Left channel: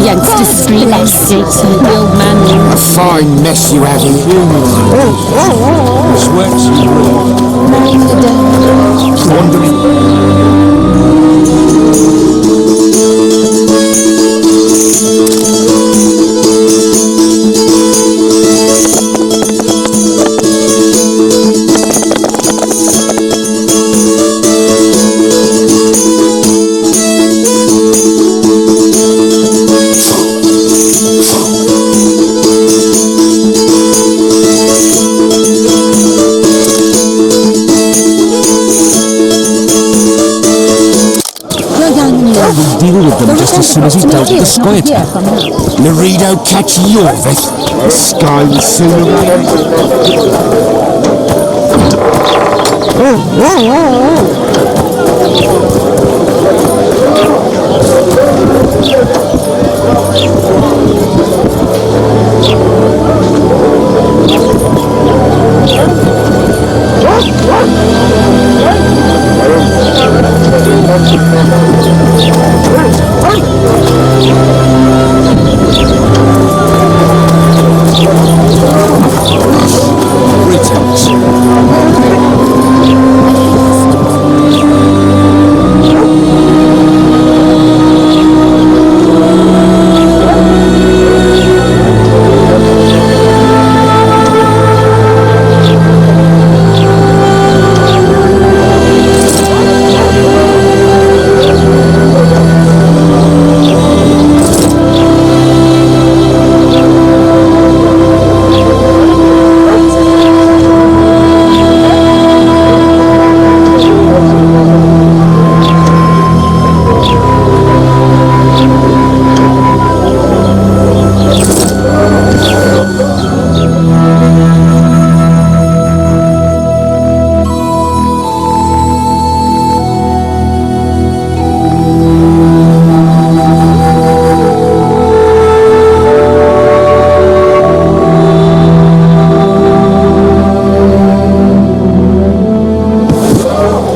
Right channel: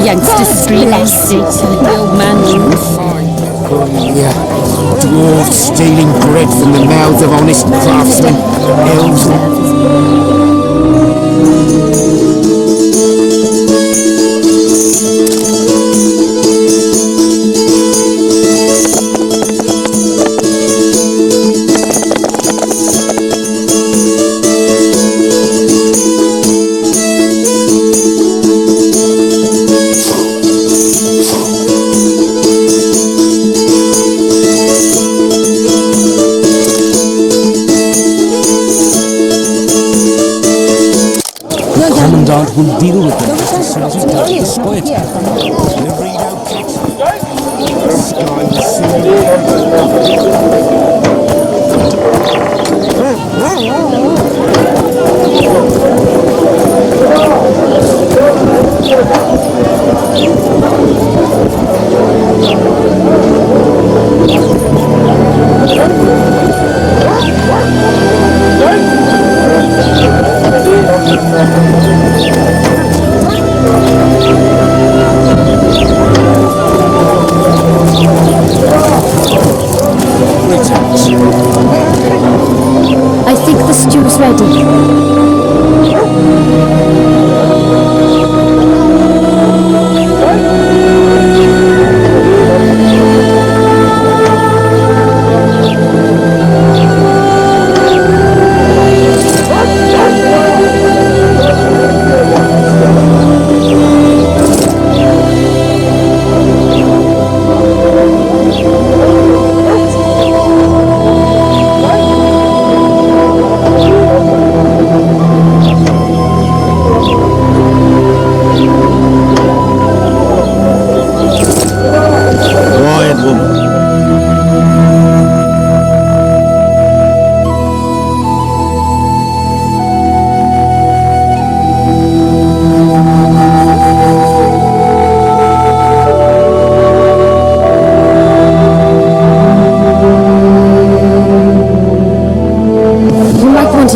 Youngsters bless it. The old man. A fine mess you have here. Dwarves stealing drifts in the mouths of honest craftsmen. Elves wandering. We'll deal with them just as soon as he dealt with the squid. Laredo catch you of it. The sky will soon arrive. Greetings. I think the stew's ready.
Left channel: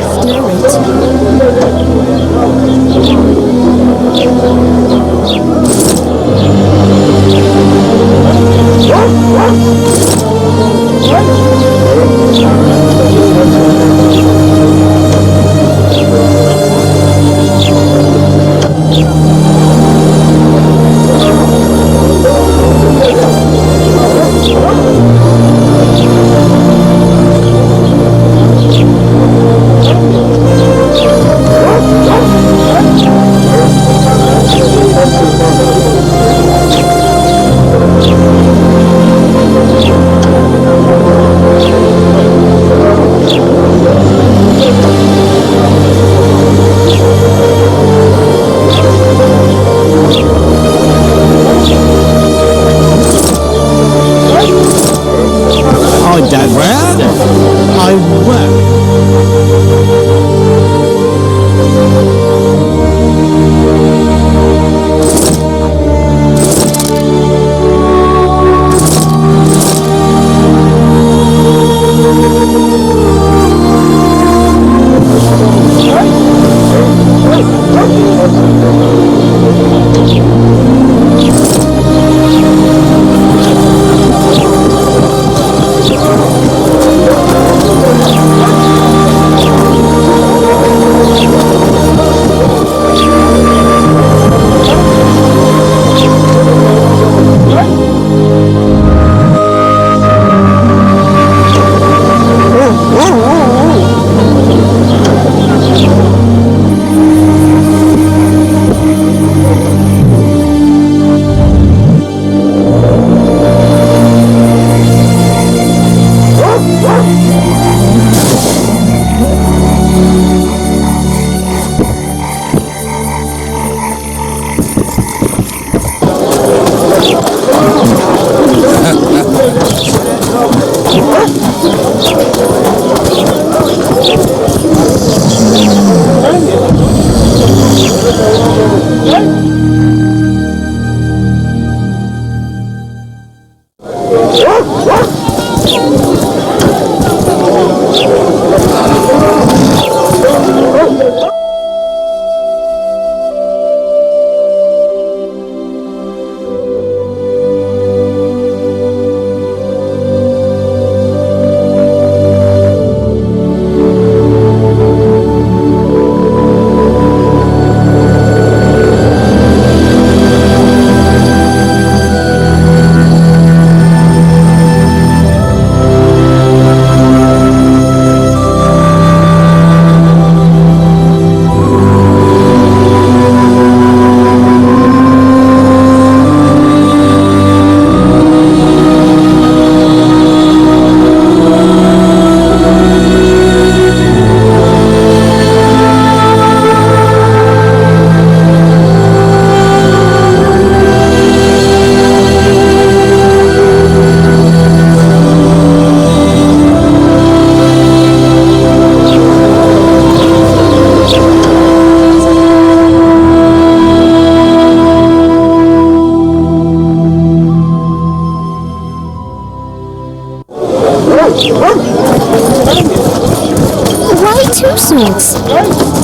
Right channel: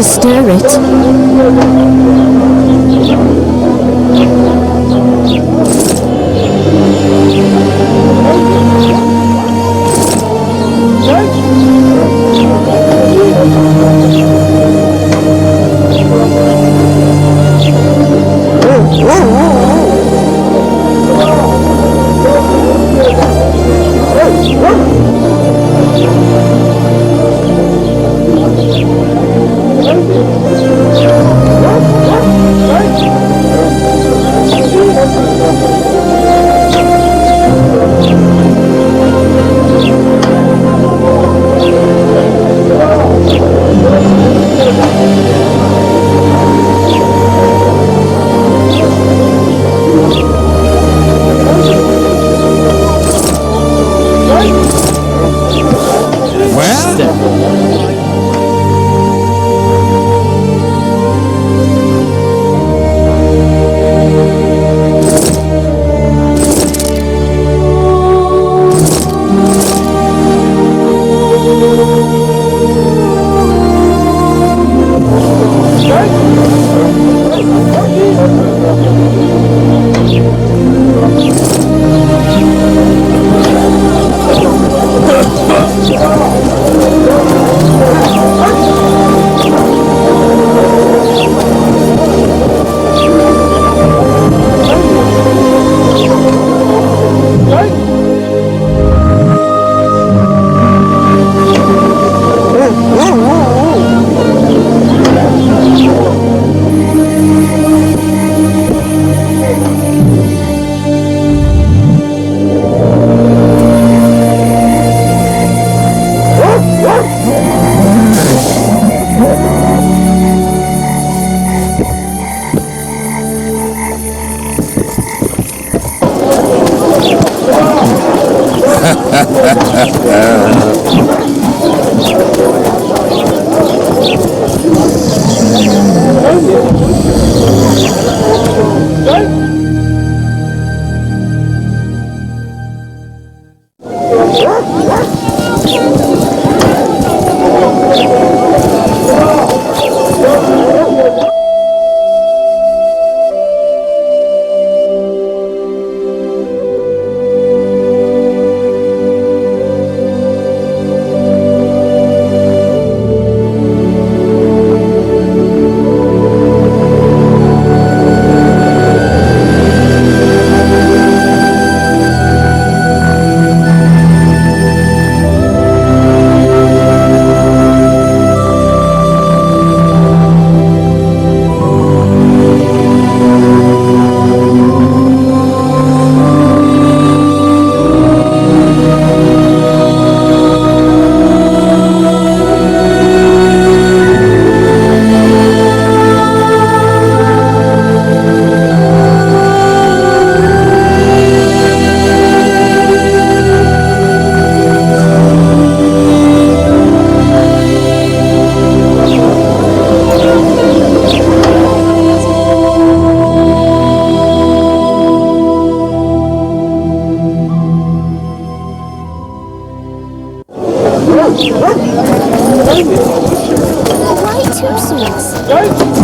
Stir it. I will.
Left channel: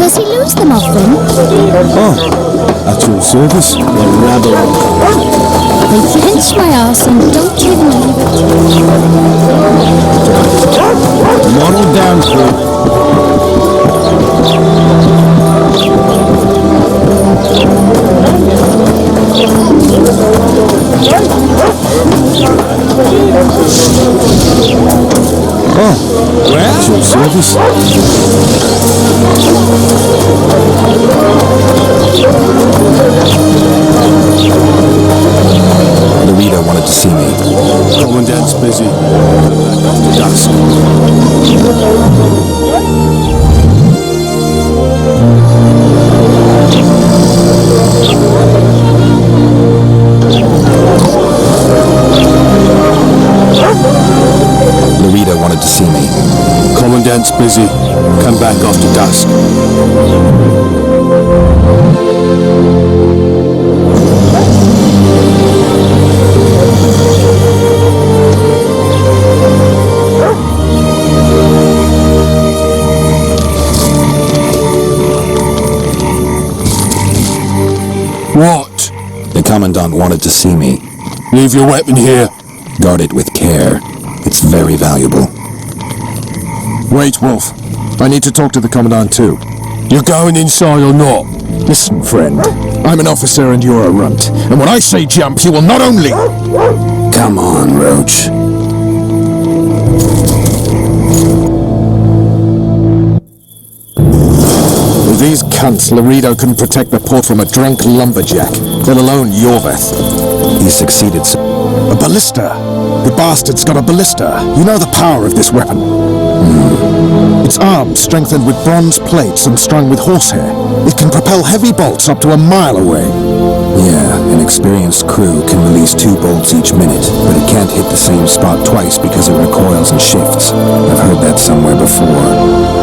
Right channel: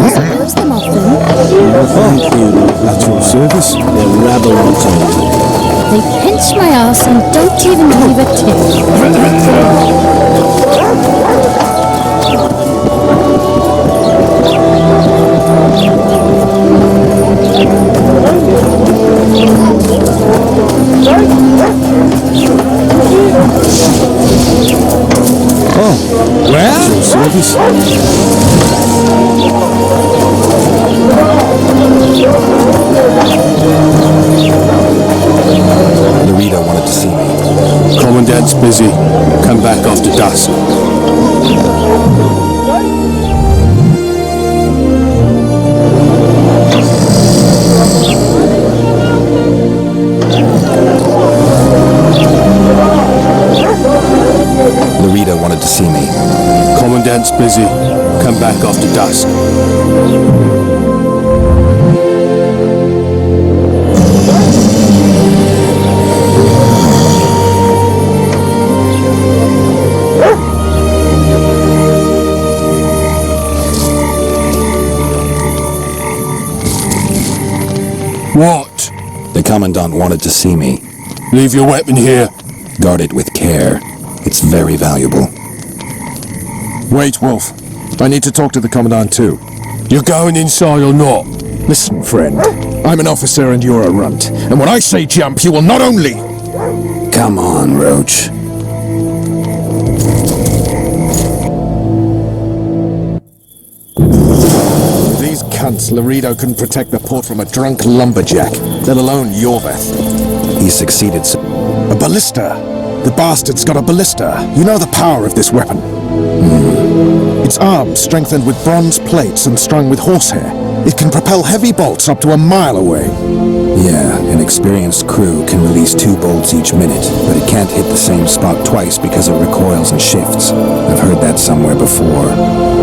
Does he lose them often? Oh, at your service. The rabble will come. They pinch my arse and don't even leave a tip. Model down through them. Oh, Well, at your service. Larita wanted to see me. Commandant's busy. Come back after dusk. Larita wanted to see me. Commandant's busy. Come back after dusk. What? The Commandant wanted to see me. Leave your weapon here. Guard it with care. It's very valuable. Wait, Wolf. I need to talk to the Commandant too. You're going inside or not? Listen, friend. I'm an officer and you're a runt. And when I say jump, you will not only... Come on, Roach. With these cunts, Laredo couldn't protect the port from a drunk lumberjack, let alone Yorveth. He succeeded. A ballista! The bastard's got a ballista. You know the power of this weapon. Its arms strengthened with bronze plates and strung with horsehair. It can propel heavy bolts up to a mile away. Yeah, an experienced crew can release 2 bolts each minute, but it can't hit the same spot twice because it recoils and shifts. I've heard that somewhere before.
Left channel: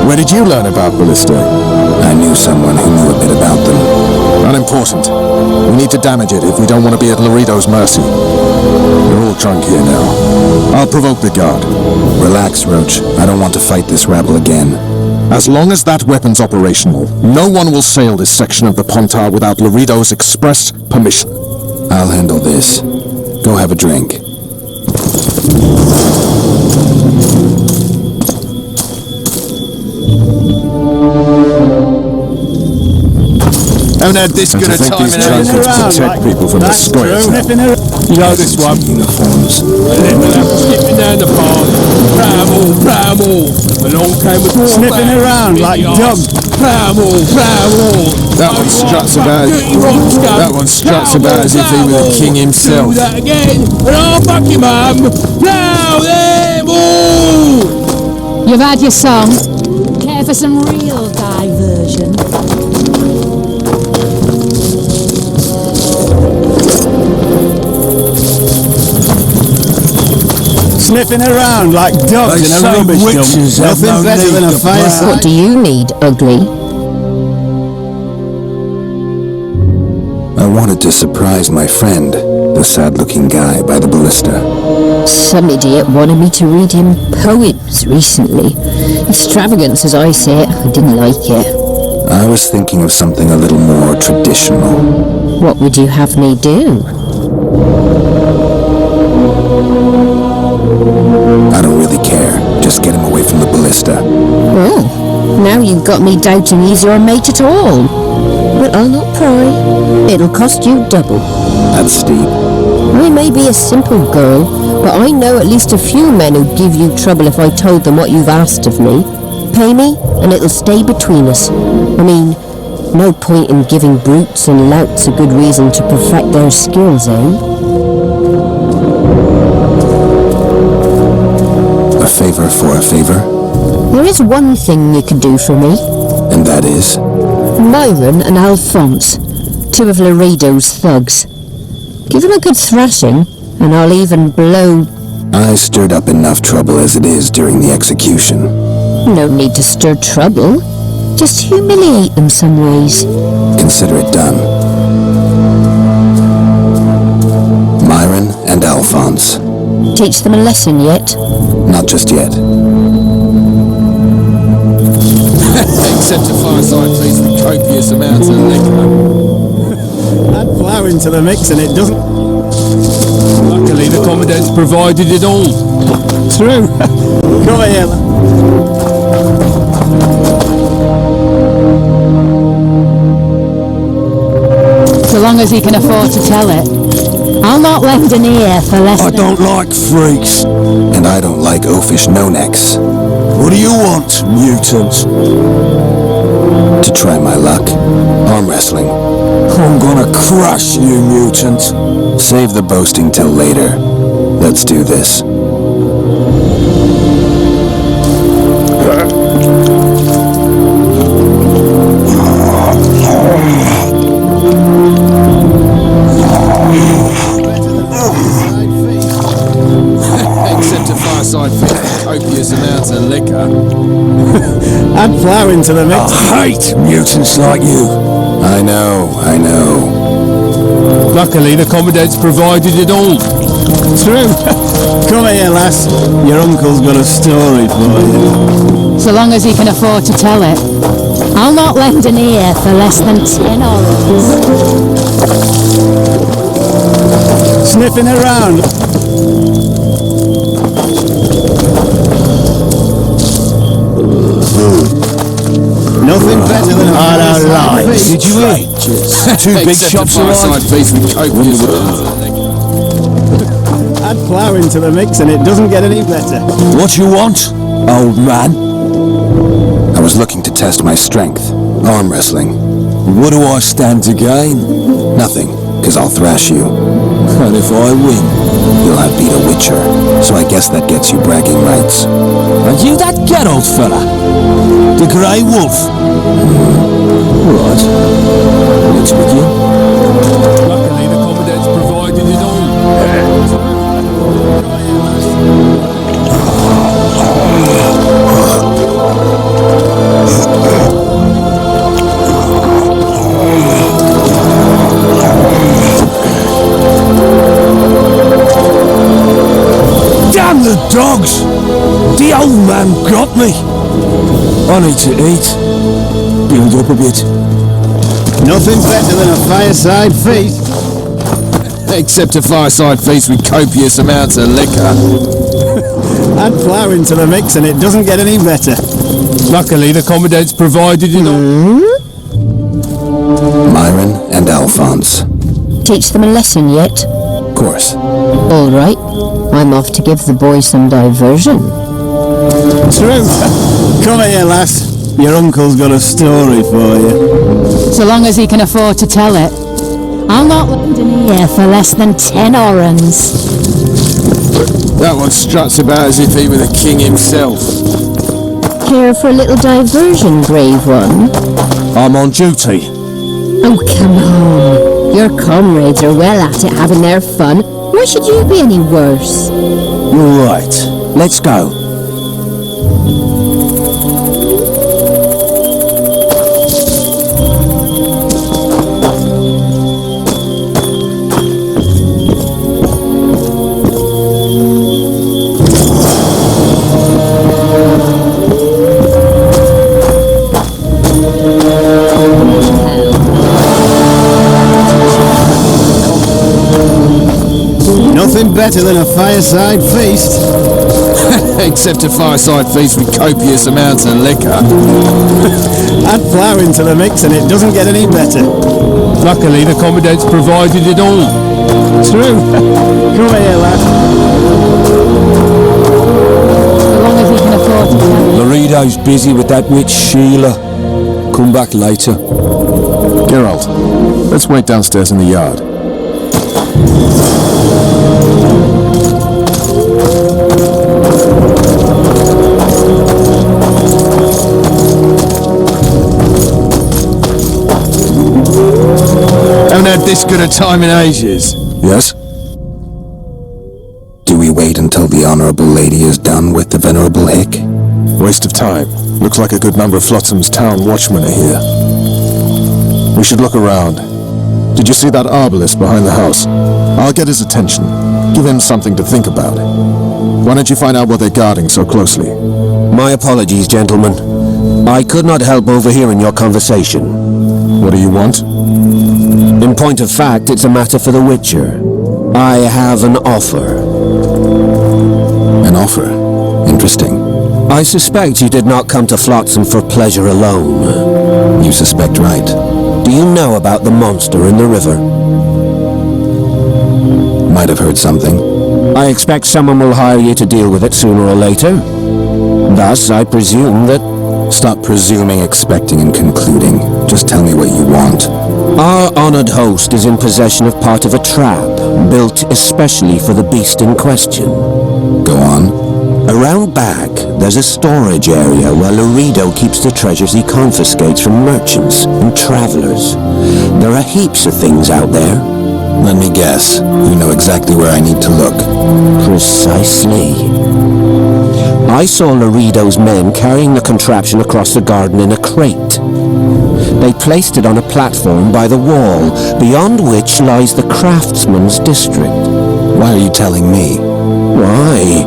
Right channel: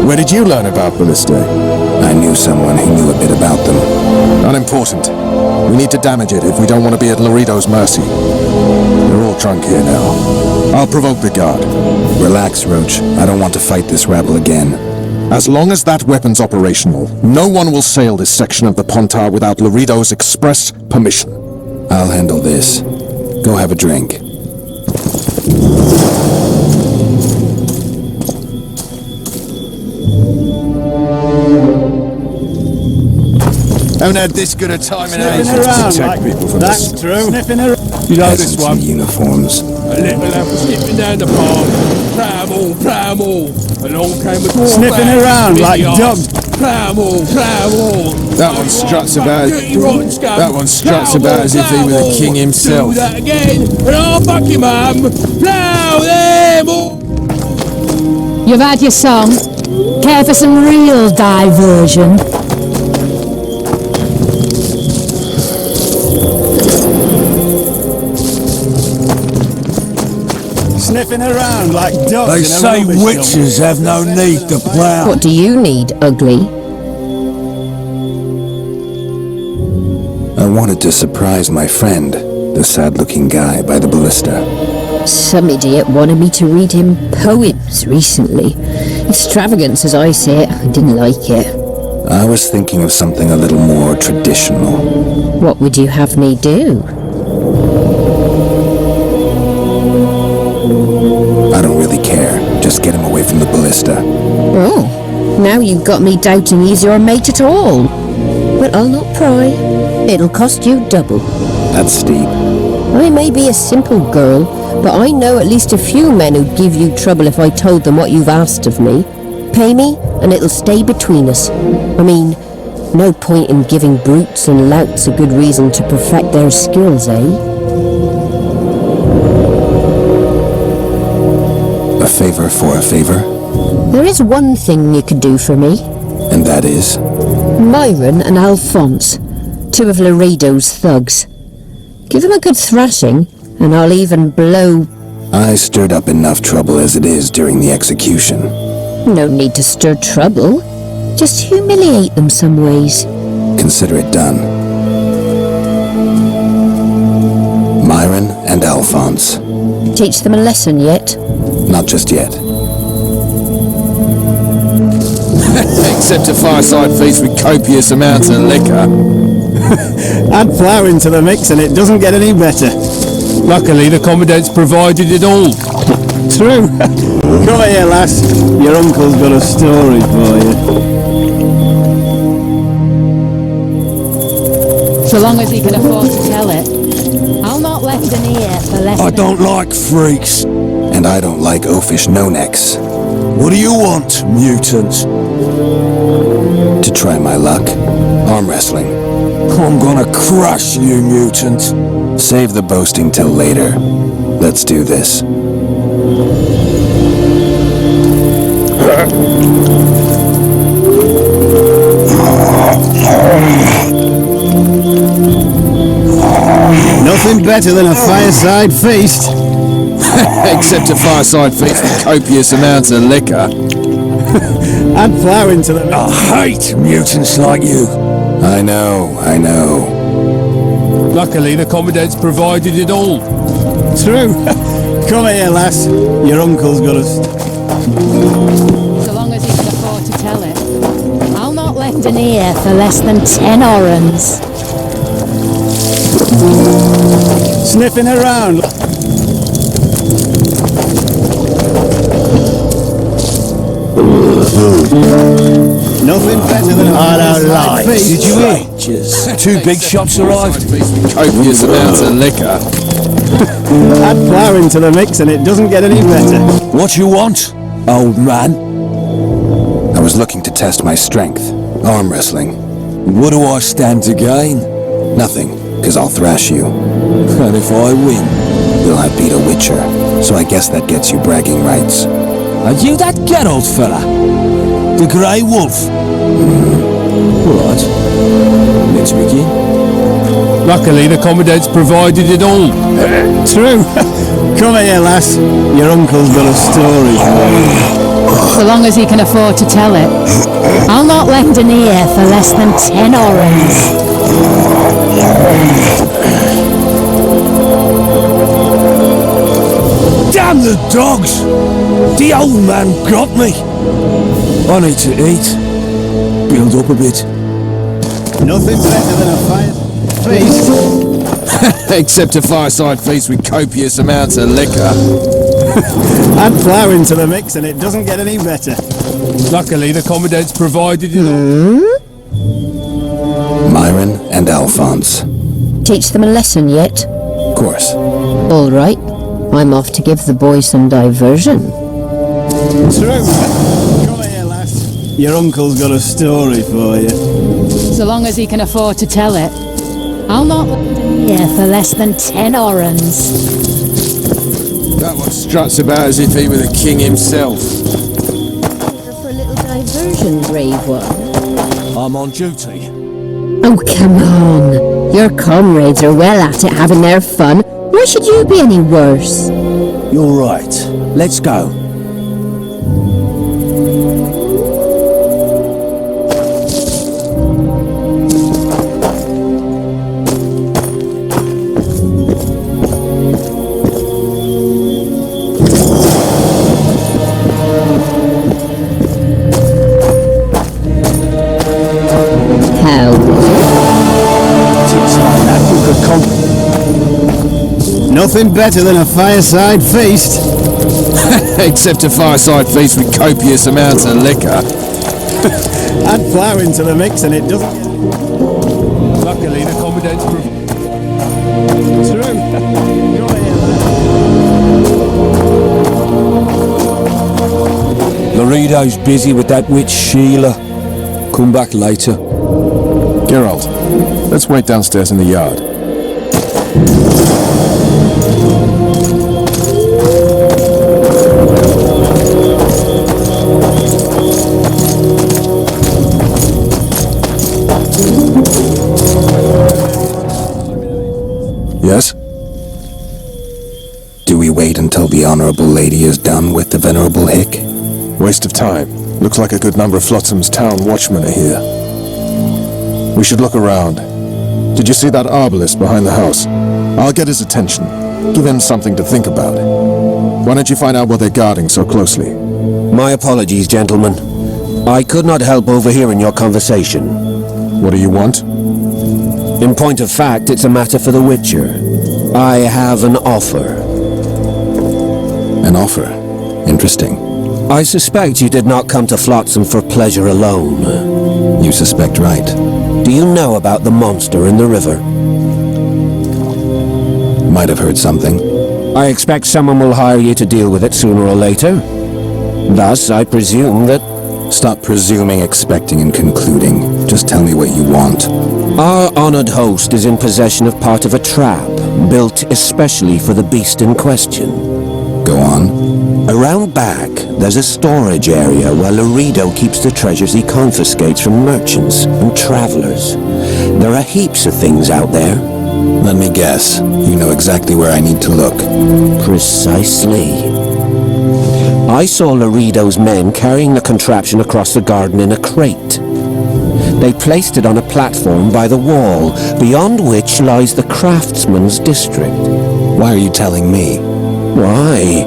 Where did you learn about ballistae? I knew someone who knew a bit about them. Unimportant. We need to damage it if we don't want to be at Laredo's mercy. They're all drunk here now. I'll provoke the guard. Relax, Roach. I don't want to fight this rabble again. As long as that weapon's operational, no one will sail this section of the Pontar without Laredo's express permission. I'll handle this. Go have a drink. Haven't had this good a time in ages. Protect people from the squares. You know this Peasants one. in uniforms. A little apple skipping down the path. Pramble. Along came a dwarf. Sniffing around like dumb. Pramble. That one struts about. That one struts about as if he were the king himself. Do that again, and I'll fuck you, mum. Plow them all. You've had your song. Care for some real diversion? Sniffing around like dogs in a rubbish dump. witches have no Nothing better need than a to fire plough. site. What do you need, ugly? I wanted to surprise my friend, the sad-looking guy by the ballista. Some idiot wanted me to read him poems recently. Extravagance, as I say it. I didn't like it. I was thinking of something a little more traditional. What would you have me do? I don't really care. Just get him away from the ballista. Oh, now you've got me doubting he's your mate at all. But I'll not pry. It'll cost you double. That's steep. I may be a simple girl, but I know at least a few men who'd give you trouble if I told them what you've asked of me. Pay me, and it'll stay between us. I mean, no point in giving brutes and louts a good reason to perfect their skills, eh? A favor for a favor, There is one thing you could do for me. and that is... Myron and Alphonse, 2 of Laredo's thugs. Give them a good thrashing, and I'll even blow... I stirred up enough trouble as it is during the execution. No need to stir trouble. Just humiliate them some ways. Consider it done. Myron and Alphonse. Teach them a lesson yet? Not just yet. Except a fireside feast with copious amounts of liquor. Add flour into the mix and it doesn't get any better. Luckily, the Commandant's provided it all. True. Come here, lass. Your uncle's got a story for you. So long as he can afford to tell it. I'll not lend an ear for less I than... don't like freaks. And I don't like oafish no-necks. What do you want, mutant? To try my luck? Arm wrestling. I'm gonna crush you, mutant. Save the boasting till later. Let's do this. Nothing better than a fireside feast. Except a fireside feast with copious amounts of liquor. Add flour into the mix. I hate mutants like you. I know. Luckily, the Commandant's provided it all. True. Come here, lass. Your uncle's got a story for you. So long as he can afford to tell it. I'll not lend an ear for less than 10 orans. Sniffing around. Nothing better than a fireside feast. Did you hear? Two big Except shots a fireside arrived. feast with copious amounts of liquor. Add flour into the mix and it doesn't get any better. What you want, old man? I was looking to test my strength. Arm wrestling. What do I stand to gain? Nothing, because I'll thrash you. And if I win? You'll have beat a Witcher, so I guess that gets you bragging rights. Are you that Geralt fella? The Grey Wolf? Right. Let's begin. Luckily, the Commandant's provided it all. True. Come here, lass. Your uncle's got a story for you. So long as he can afford to tell it. I'll not lend an ear for less than 10 orans. Damn the dogs! The old man got me! I need to eat. Build up a bit. Nothing better than a fireside feast. Except a fireside feast with copious amounts of liquor. Add flour into the mix and it doesn't get any better. Luckily, the Commandant's provided it all. Myron and Alphonse. Teach them a lesson yet? Of course. All right. I'm off to give the boys some diversion. True. Come here, lass. Your uncle's got a story for you. So long as he can afford to tell it. I'll not lend an ear for less than 10 orans. That one struts about as if he were the king himself. Care for a little diversion, brave one? I'm on duty. Oh, come on. Your comrades are well at it, having their fun. Why should you be any worse? You're right. Let's go. Nothing better than a fireside feast. Except a fireside feast with copious amounts of liquor. Add flour into the mix and it doesn't get any better. Luckily, the Commandant's provided it all. True. Come here, lad. Laredo's busy with that witch Sheila. Come back later. Geralt, let's wait downstairs in the yard. This good a time in ages. Yes? Do we wait until the honorable lady is done with the venerable hick? Waste of time. Looks like a good number of Flotsam's town watchmen are here. We should look around. Did you see that arbalist behind the house? I'll get his attention. Give him something to think about. Why don't you find out what they're guarding so closely? My apologies, gentlemen. I could not help overhearing your conversation. What do you want? In point of fact, it's a matter for the Witcher. I have an offer. An offer? Interesting. I suspect you did not come to Flotsam for pleasure alone. You suspect right. Do you know about the monster in the river? Might have heard something. I expect someone will hire you to deal with it sooner or later. Thus, I presume that... Stop presuming, expecting, and concluding. Just tell me what you want. Our honored host is in possession of part of a trap, built especially for the beast in question. Go on. Around back, there's a storage area where Laredo keeps the treasures he confiscates from merchants and travelers. There are heaps of things out there. Let me guess. You know exactly where I need to look. Precisely. I saw Laredo's men carrying the contraption across the garden in a crate. They placed it on a platform by the wall, beyond which lies the craftsman's district. Why are you telling me? Why?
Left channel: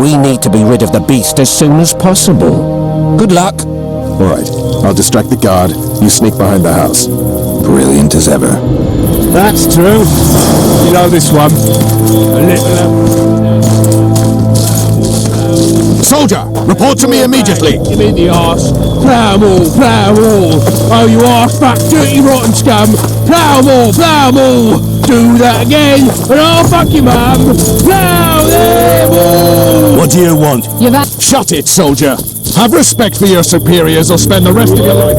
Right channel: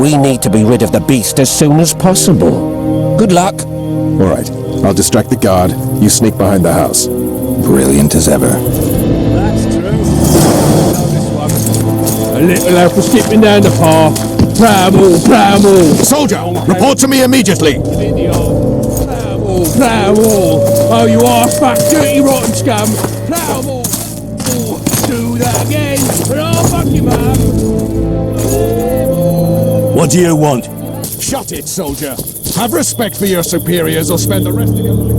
We need to be rid of the beast as soon as possible. Good luck. All right, I'll distract the guard. You sneak behind the house. Brilliant as ever. That's true. You know this one. A little apple skipping down the path. Bramble, bramble. Soldier, report to me immediately. Him in the arse. Bramble, bramble. Oh, you arse back, dirty rotten scum. Bramble, bramble. Do that again, and I'll fuck you, mum. Bramble. What do you want? You've had... Shut it, soldier. Have respect for your superiors or spend the rest of your life...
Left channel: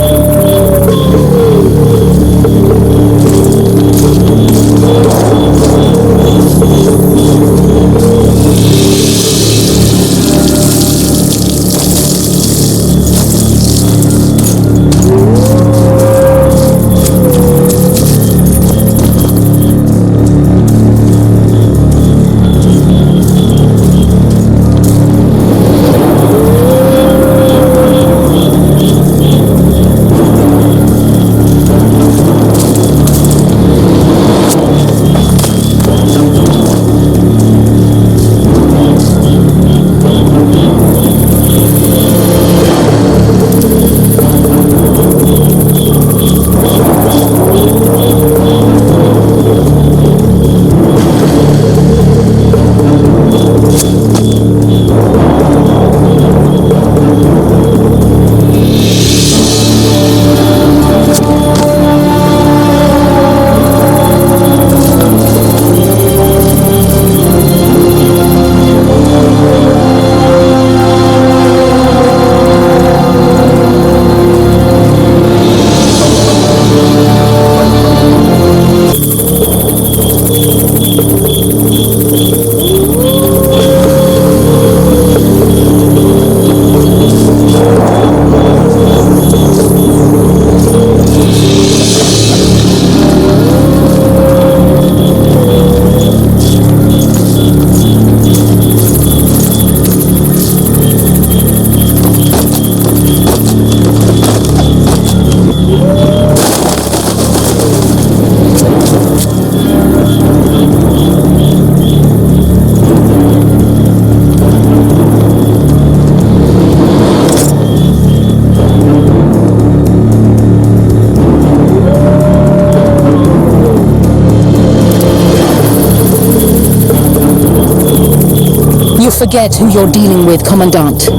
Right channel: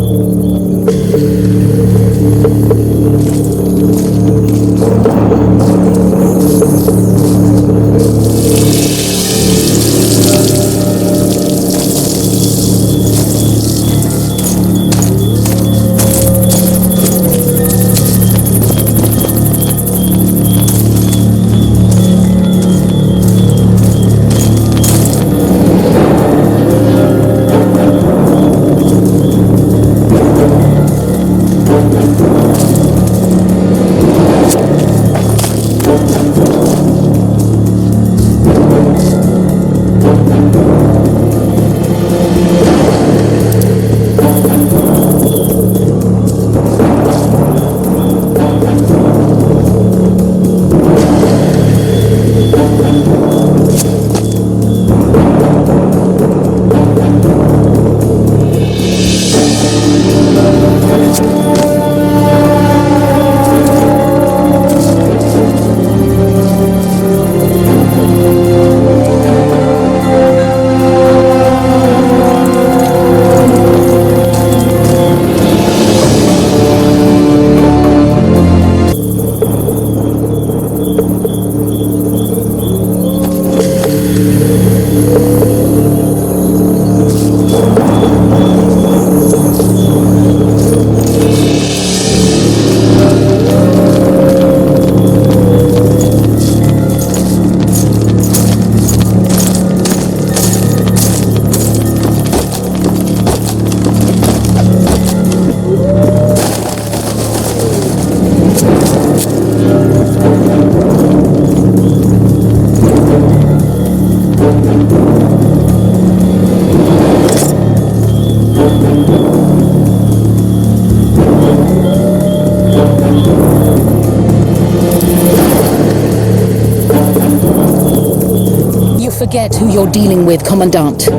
Forget who you're dealing with, Commandant.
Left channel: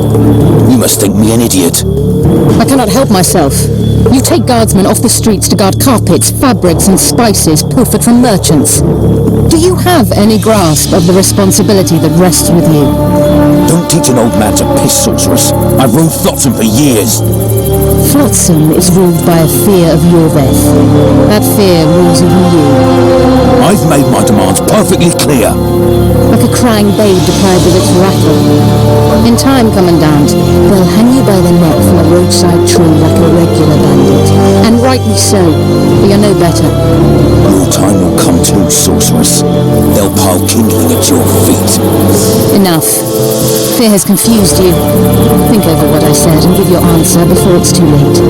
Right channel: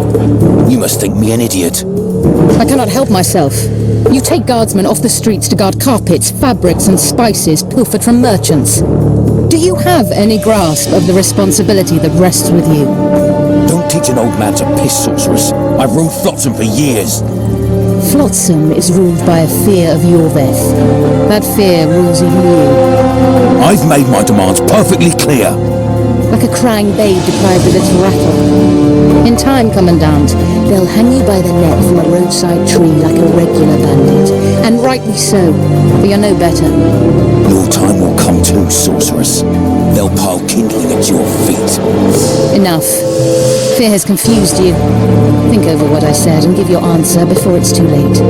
You must think me an idiot. I cannot help myself. You take guardsmen off the streets to guard carpets, fabrics and spices pilfered from merchants. Do you have any grasp of the responsibility that rests with you? Don't teach an old man to piss, sorceress. I've ruled Flotsam for years. Flotsam is ruled by a fear of your death. That fear rules even you. I've made my demands perfectly clear. Like a crying babe deprived of its rattle. In time, Commandant, they'll hang you by the neck from a roadside tree like a regular bandit. And rightly so, for you're no better. Your time will come too, sorceress. They'll pile kindling at your feet. Enough. Fear has confused you. Think over what I said and give your answer before it's too late.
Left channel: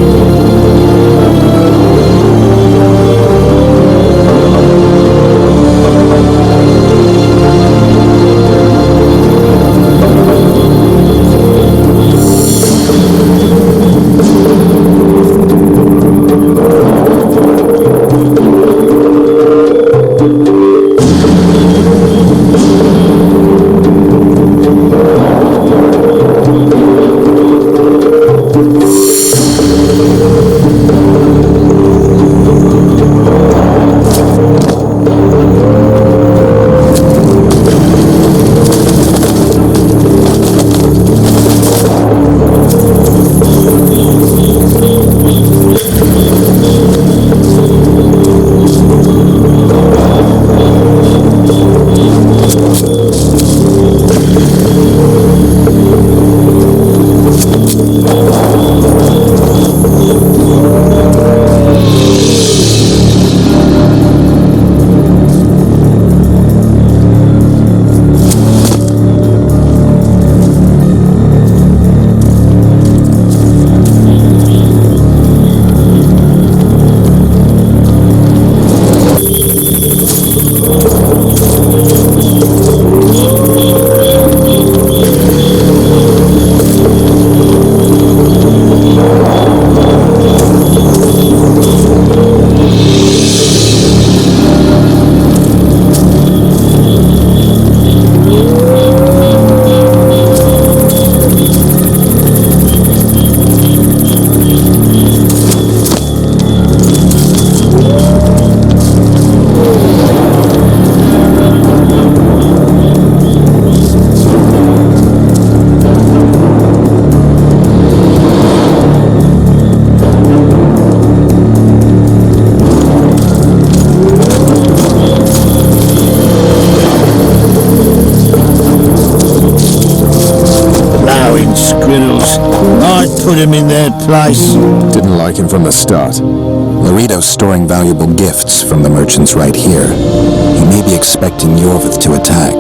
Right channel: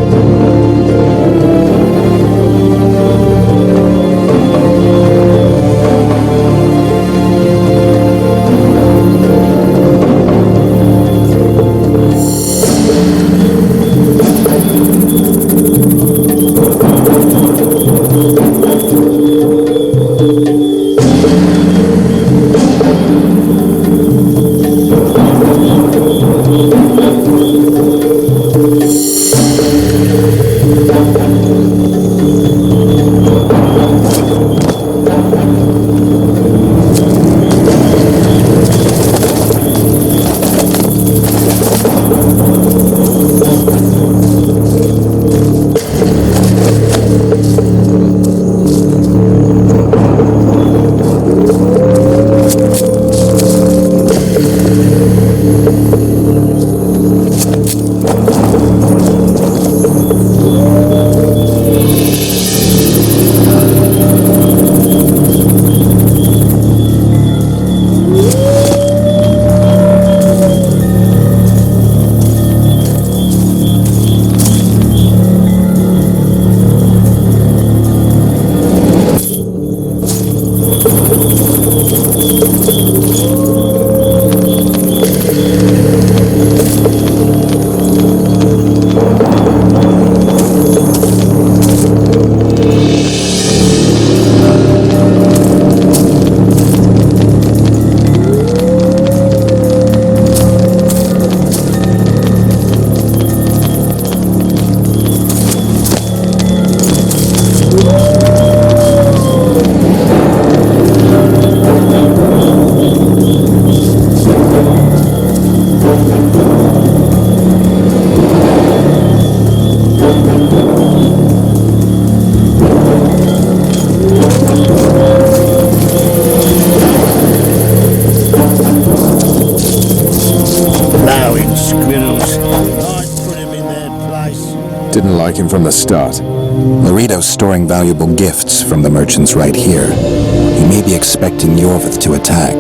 Plowing squirrels. I'd put him in their place. Didn't like him from the start. Laredo's storing valuable gifts from the merchants right here. He may be expecting Yorvith to attack.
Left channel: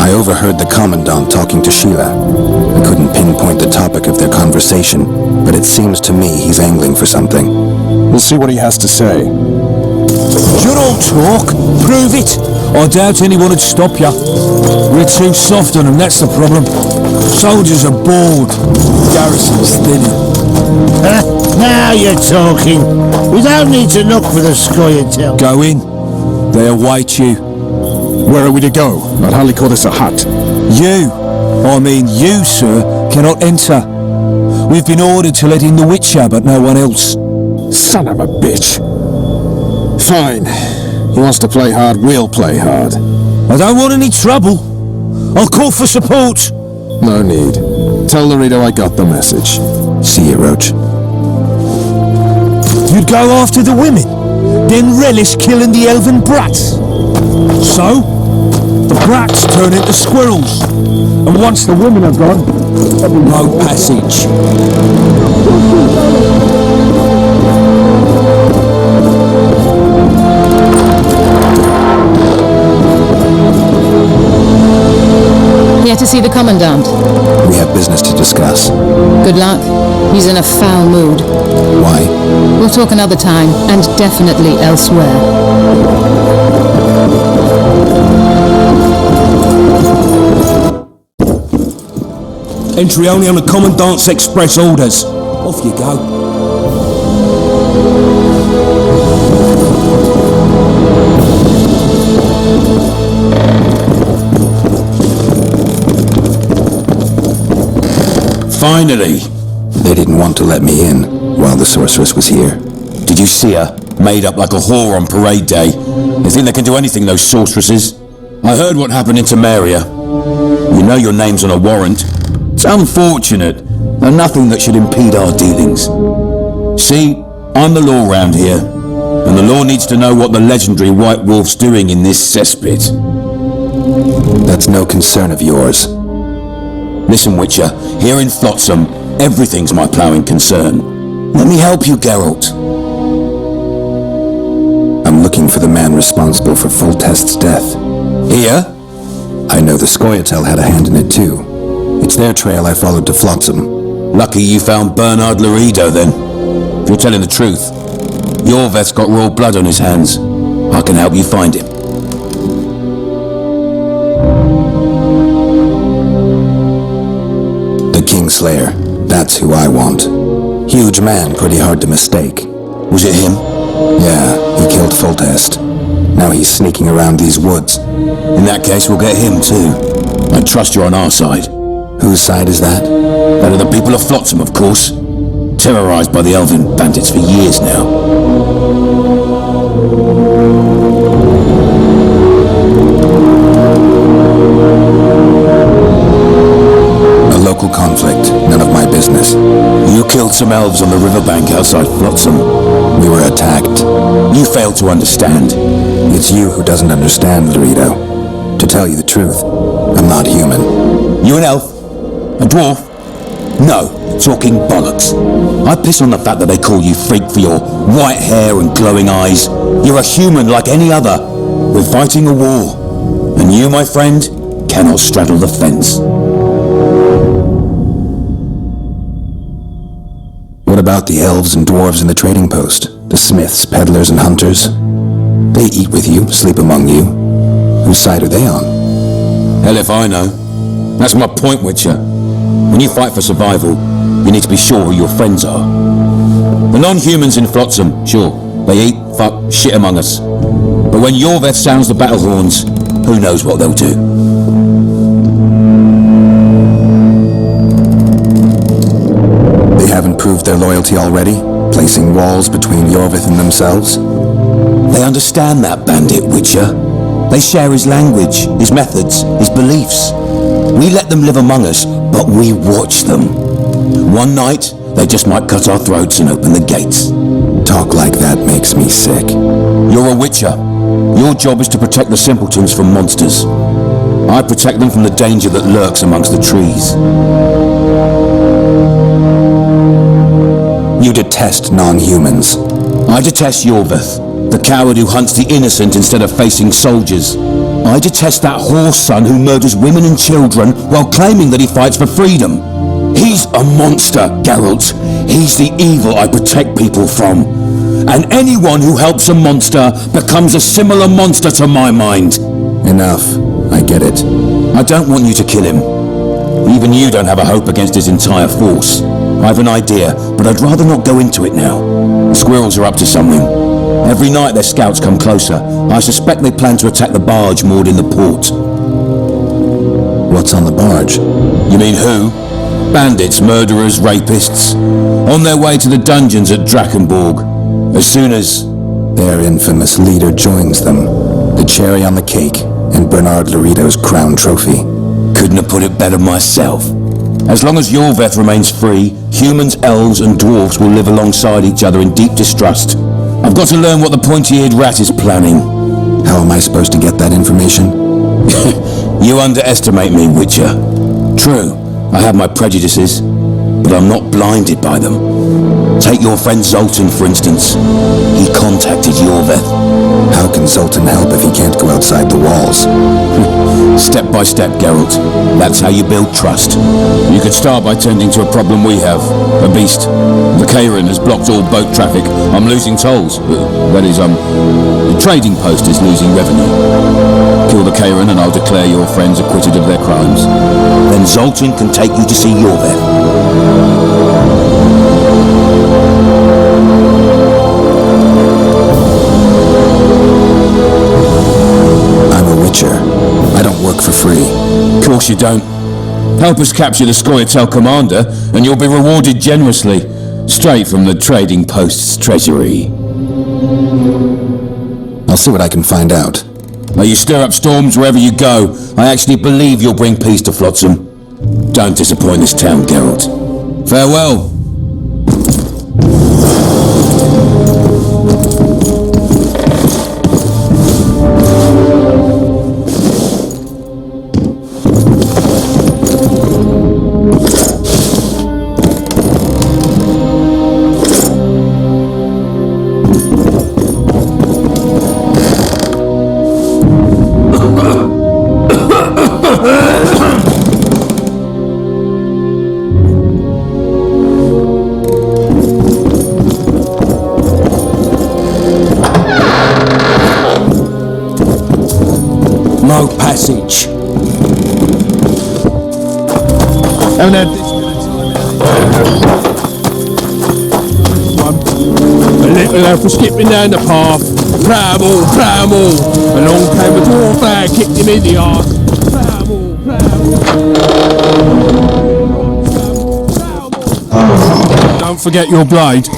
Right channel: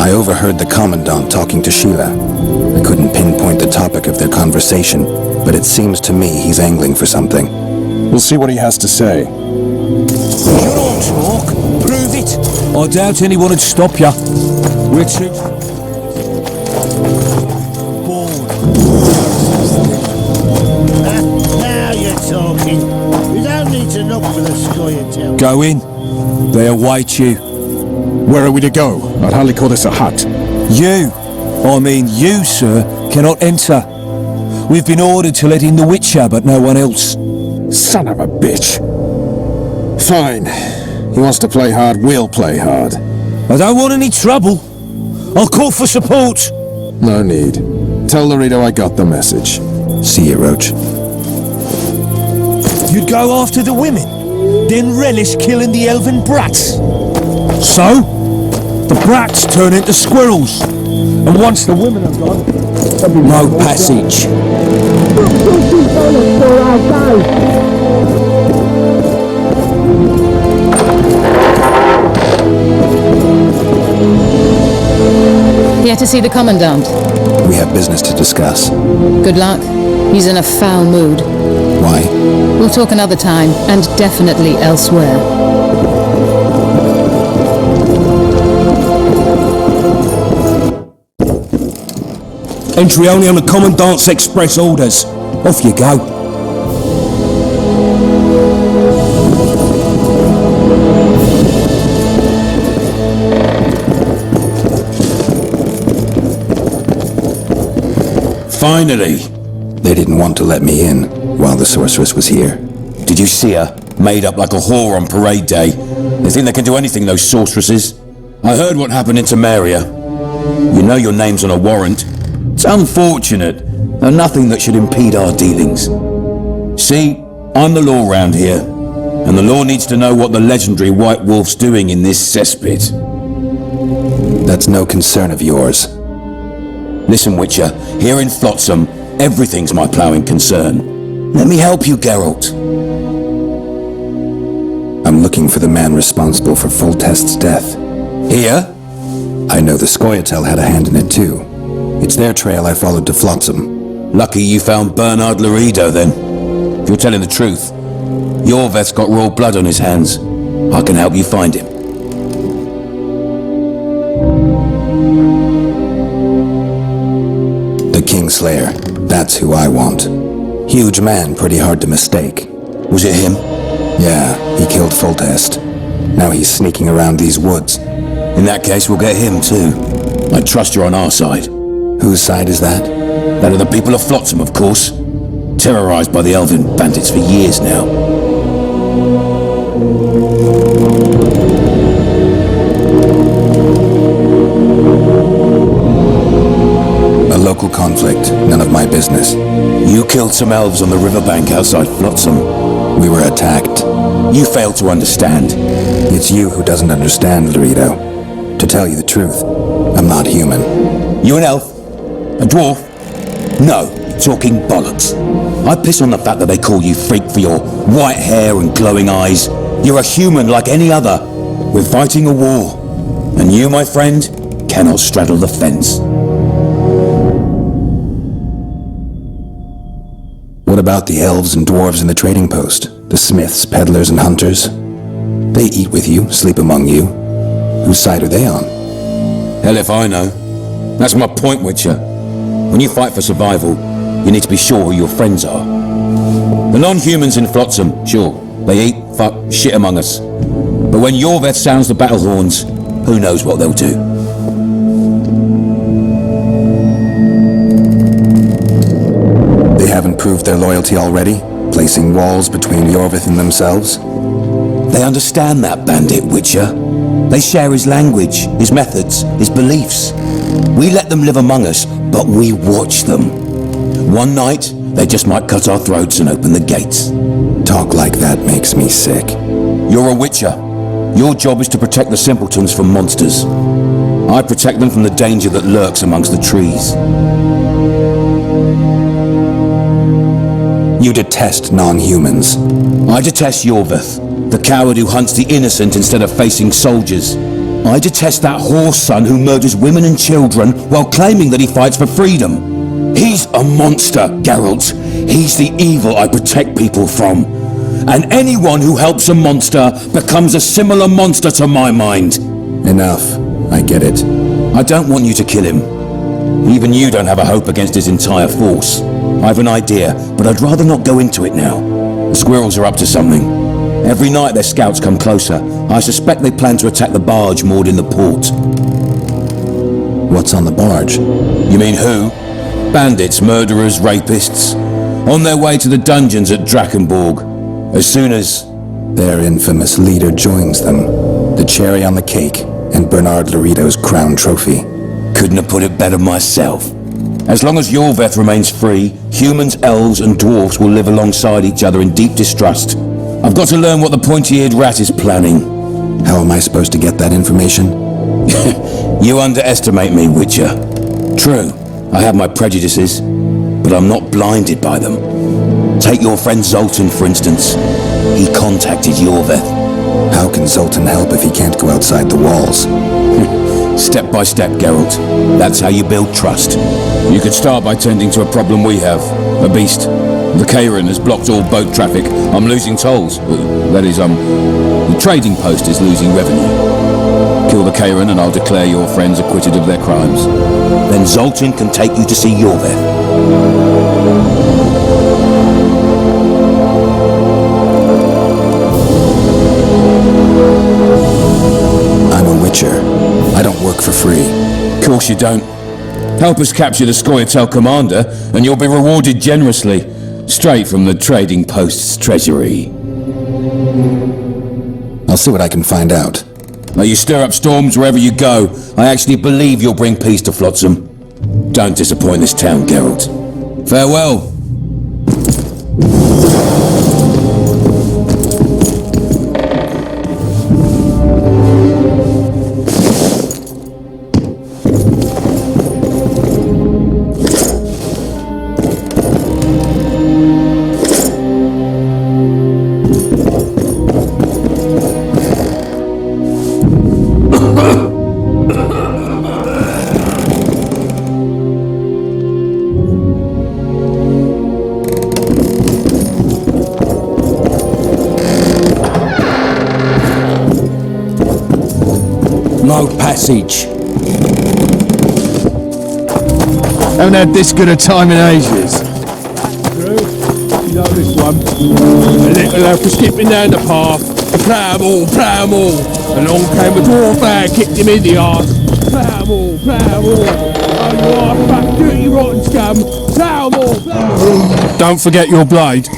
I overheard the Commandant talking to Sheila. I couldn't pinpoint the topic of their conversation, but it seems to me he's angling for something. We'll see what he has to say. You don't talk. Prove it. I doubt anyone would stop you. We're too soft on them, that's the problem. Soldiers are bored. Garrison's thinning. Now you're talking. We don't need to look for the scoia'tael. Go in. They await you. Where are we to go? I'd hardly call this a hut. You, sir, cannot enter. We've been ordered to let in the Witcher, but no one else. Son of a bitch. Fine. He wants to play hard, we'll play hard. I don't want any trouble. I'll call for support. No need. Tell Laredo I got the message. See you, Roach. You'd go after the women, then relish killing the elven brats. So, the brats turn into squirrels, and once the women are gone, there'll be no passage. Here to see the Commandant. We have business to discuss. Good luck. He's in a foul mood. Why? We'll talk another time, and definitely elsewhere. Entry only on the Commandant's express orders. Off you go. Finally! They didn't want to let me in while the sorceress was here. Did you see her? Made up like a whore on parade day. They think they can do anything, those sorceresses. I heard what happened in Temeria. You know your name's on a warrant. It's unfortunate, and nothing that should impede our dealings. See, I'm the law round here, and the law needs to know what the legendary White Wolf's doing in this cesspit. That's no concern of yours. Listen, Witcher, here in Flotsam, everything's my ploughing concern. Let me help you, Geralt. I'm looking for the man responsible for Foltest's death. Here? I know the scoia'tael had a hand in it too. It's their trail I followed to Flotsam. Lucky you found Bernard Laredo, then. If you're telling the truth, Yorveth's got royal blood on his hands. I can help you find him. The Kingslayer. That's who I want. Huge man, pretty hard to mistake. Was it him? Yeah, he killed Foltest. Now he's sneaking around these woods. In that case, we'll get him too. I trust you're on our side. Whose side is that? That of the people of Flotsam, of course. Terrorized by the elven bandits for years now. A local conflict, none of my business. You killed some elves on the riverbank outside Flotsam. We were attacked. You failed to understand. It's you who doesn't understand, Laredo. To tell you the truth, I'm not human. You an elf? A dwarf? No, talking bollocks. I piss on the fact that they call you freak for your white hair and glowing eyes. You're a human like any other. We're fighting a war. And you, my friend, cannot straddle the fence. What about the elves and dwarves in the trading post? The smiths, peddlers, and hunters? They eat with you, sleep among you. Whose side are they on? Hell if I know. That's my point, Witcher. When you fight for survival, you need to be sure who your friends are. The non-humans in Flotsam, sure, they eat, fuck, shit among us. But when Yorveth sounds the battle horns, who knows what they'll do. They haven't proved their loyalty already, placing walls between Yorvith and themselves? They understand that bandit, Witcher. They share his language, his methods, his beliefs. We let them live among us, but we watch them. One night, they just might cut our throats and open the gates. Talk like that makes me sick. You're a Witcher. Your job is to protect the simpletons from monsters. I protect them from the danger that lurks amongst the trees. You detest non-humans. I detest Yorvith, the coward who hunts the innocent instead of facing soldiers. I detest that whore son who murders women and children while claiming that he fights for freedom. He's a monster, Geralt. He's the evil I protect people from. And anyone who helps a monster becomes a similar monster to my mind. Enough. I get it. I don't want you to kill him. Even you don't have a hope against his entire force. I have an idea, but I'd rather not go into it now. The squirrels are up to something. Every night their scouts come closer. I suspect they plan to attack the barge moored in the port. What's on the barge? You mean who? Bandits, murderers, rapists. On their way to the dungeons at Drakenborg. As soon as... their infamous leader joins them. The cherry on the cake, and Bernard Laredo's crown trophy. Couldn't have put it better myself. As long as Yorvith remains free, humans, elves, and dwarfs will live alongside each other in deep distrust. I've got to learn what the pointy-eared rat is planning. How am I supposed to get that information? You underestimate me, Witcher. True, I have my prejudices, but I'm not blinded by them. Take your friend Zoltan, for instance. He contacted Yorvith. How can Zoltan help if he can't go outside the walls? Step by step, Geralt. That's how you build trust. You could start by tending to a problem we have. A beast. The Kairin has blocked all boat traffic. I'm losing tolls. That is, the trading post is losing revenue. Kill the Kairin and I'll declare your friends acquitted of their crimes. Then Zoltan can take you to see Yorvith. I'm a Witcher. I don't work for free. Course you don't. Help us capture the Scoia'tael commander, and you'll be rewarded generously, straight from the trading post's treasury. I'll see what I can find out. May you stir up storms wherever you go. I actually believe you'll bring peace to Flotsam. Don't disappoint this town, Geralt. Farewell. No passage. Haven't had this good a time in ages. You know this one. A little lad for skipping down the path. Plough 'em all. Along came a dwarf lad, kicked him in the arse. Plough 'em all. Dirty rotten scum. Plough 'em all. Don't forget your blade.